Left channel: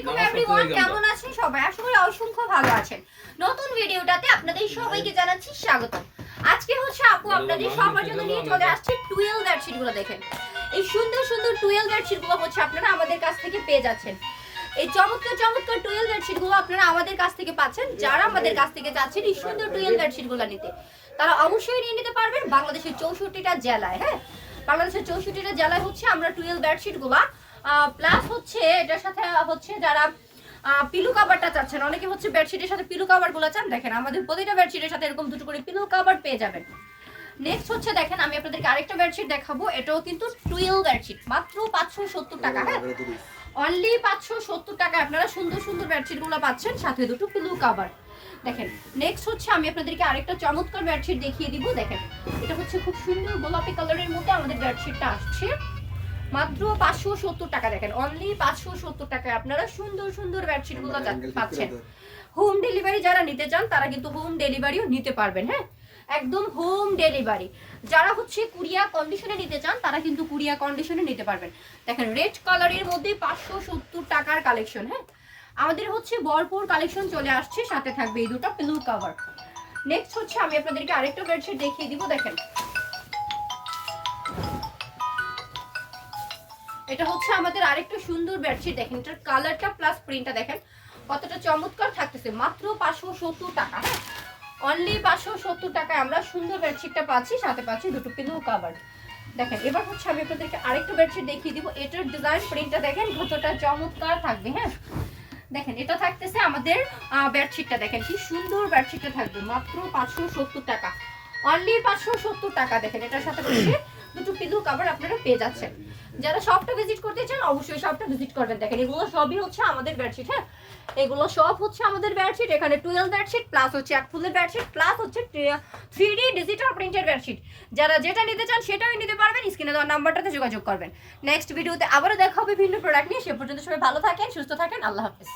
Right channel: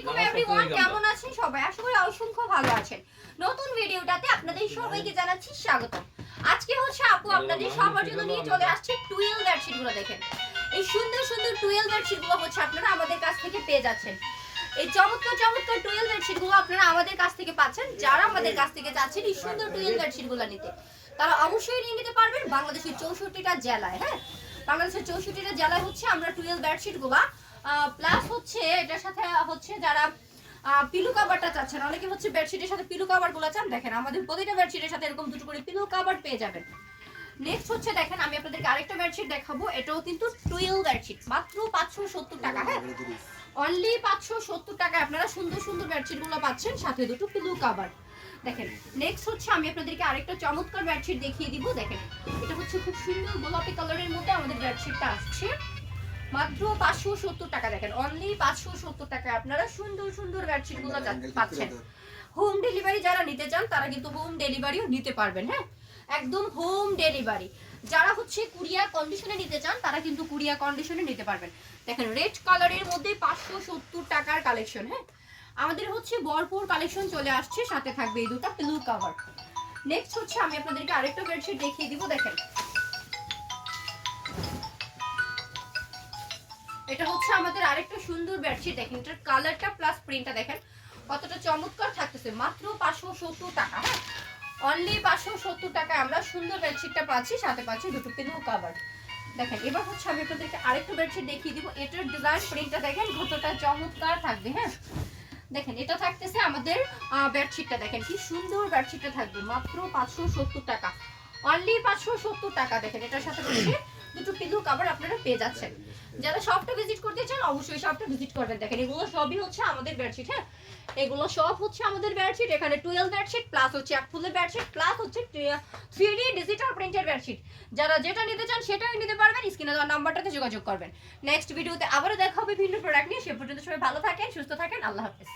আলাইকুম এভরিওয়ান, কেমন আছেন সবাই? আশা করি অসংখ্য ভালো আছেন। নতুন ভিডিওটাতে আপনাদের সবাইকে জানাচ্ছি স্বাগতম। আজকে হচ্ছে আপু আপনাদের সবার জন্য নিয়ে চলে আসছে টুয়েল বেডশিটগুলো। দেখেন এই সুন্দর সুন্দর টুয়েল বেডশিটগুলো হচ্ছে আপনারা আমাদের কাছ থেকে পেয়ে যাচ্ছেন। এই চমৎকার চমৎকার টুয়েল বেডশিটগুলো আপনারা আমাদের কাছ থেকে পাচ্ছেন। যারা আমাদের কাছ থেকে যাচ্ছেন এই সুন্দর টুয়েল বেডশিটগুলো নিতে, তারা অবশ্যই নিয়ে নিতে পারবেন বাংলাদেশের 64টা জেলায়। হ্যাঁ, বাংলাদেশের 64টা জেলায় হচ্ছে আমরা টুয়েল বেডশিটগুলো প্লাস হচ্ছে এটার সাথে হচ্ছে যারা পিলো কভারটা চাচ্ছেন, অনেকে হচ্ছে বেডশিটের সাথে পিলো কভারগুলো চান। দেখেন আমাদের প্রতিটা বেডশিটের সাথে এরকম দুটো করে পিলো কভার পেয়ে যাবেন। নেক্সট হচ্ছে দেখেন আমি আপনাদেরকে আরেকটা বেডশিট দেখাবো। এটাও কিন্তু টুয়েল বেডশিট, মাত্র 570 টাকা। হ্যাঁ, অনলি 570 টাকা আপনারা সুন্দর সুন্দর বেডশিটগুলো পাচ্ছেন, সাথে দুটো পিলো কভার। দেখেন নেক্সট হচ্ছে আমি আপনাদেরকে আরেকটা চমৎকার বেডশিট দেখিয়ে দিব। দেখেন এটা হচ্ছে খুব সুন্দর গোলাপি কালারের মধ্যে আমাদের বেডশিটটা আসছে, মাত্র 570 টাকা। দেখেন অনলি 570 টাকায় আপনারা সুন্দর সুন্দর বেডশিটগুলো পাচ্ছেন। হোম ডেলিভারি যারা নিতে চান তারা কিন্তু হোম ডেলিভারিও নিতে পারবেন। হ্যাঁ, একদম হোম ডেলিভারি। যারা হচ্ছে কুরিয়ার কন্ডিশনে নিতে চান তারা কিন্তু কুরিয়ার কন্ডিশনে নিতে পারবেন। দেখেন রেড কালারের মধ্যে 570 টাকার কালেকশন। হ্যাঁ, আমাদের হচ্ছে ভরপুর কালেকশন চলে আসছে, সাথে থাকবে এই দুটো পিলো কভার। নেক্সট হচ্ছে আমি আপনাদেরকে আরেকটা বেডশিট দেখিয়ে দিব। দেখেন এটা হচ্ছে আমাদের আরেকটা সুন্দর বেডশিট। দেখেন এটার কালারটা প্লাস প্রিন্টটা দেখেন কতটা চমৎকার থাকতেছে, মাত্র 570 টাকা। হ্যাঁ, অনলি 570 টাকায় আমরা সুন্দর বেডশিটটা পাচ্ছি, সাথে পাচ্ছি দুটো পিলো কভার। দেখেন এবার হচ্ছে আমি আপনাদেরকে আরেকটা বেডশিট দেখিয়ে দিব। এটার ডিজাইন প্রিন্টটা দেখেন কতটা চমৎকার থাকবে। হ্যাঁ, দেখেন এটা থাকতেছে আমাদের বেডশিটটা, দেখেন কি সুন্দর বেডশিটটা থাকবে, মাত্র 570 টাকা, অনলি 570 টাকা। দেখেন এটার সাথে হচ্ছে দুটো পিলো কভার আপনারা পেয়ে যাচ্ছেন। যারা শপটা ভিজিট করতে চান অবশ্যই শপটা ভিজিট করবেন। দেখেন এগুলো সবই হচ্ছে আমাদের বেডশিট। হ্যাঁ, এগুলো সব হচ্ছে আমাদের বেডশিট। এখানে 12 বেডশিট প্লাস হচ্ছে এক ফুলের বেডশিট প্লাস হচ্ছে 3D ডিজিটাল প্রিন্টের বেডশিট। যারা যেটা নিতে চান সেটাই নিতে পারবেন, স্ক্রিনে দেওয়া নাম্বারটাতে যোগাযোগ করবেন। নেক্সট ভিডিওতে আবারও দেখা হবে ভিন্ন প্রোডাক্ট নিয়ে। সে পর্যন্ত সবাই ভালো থাকেন, সুস্থ থাকেন, আল্লাহ হাফেজ।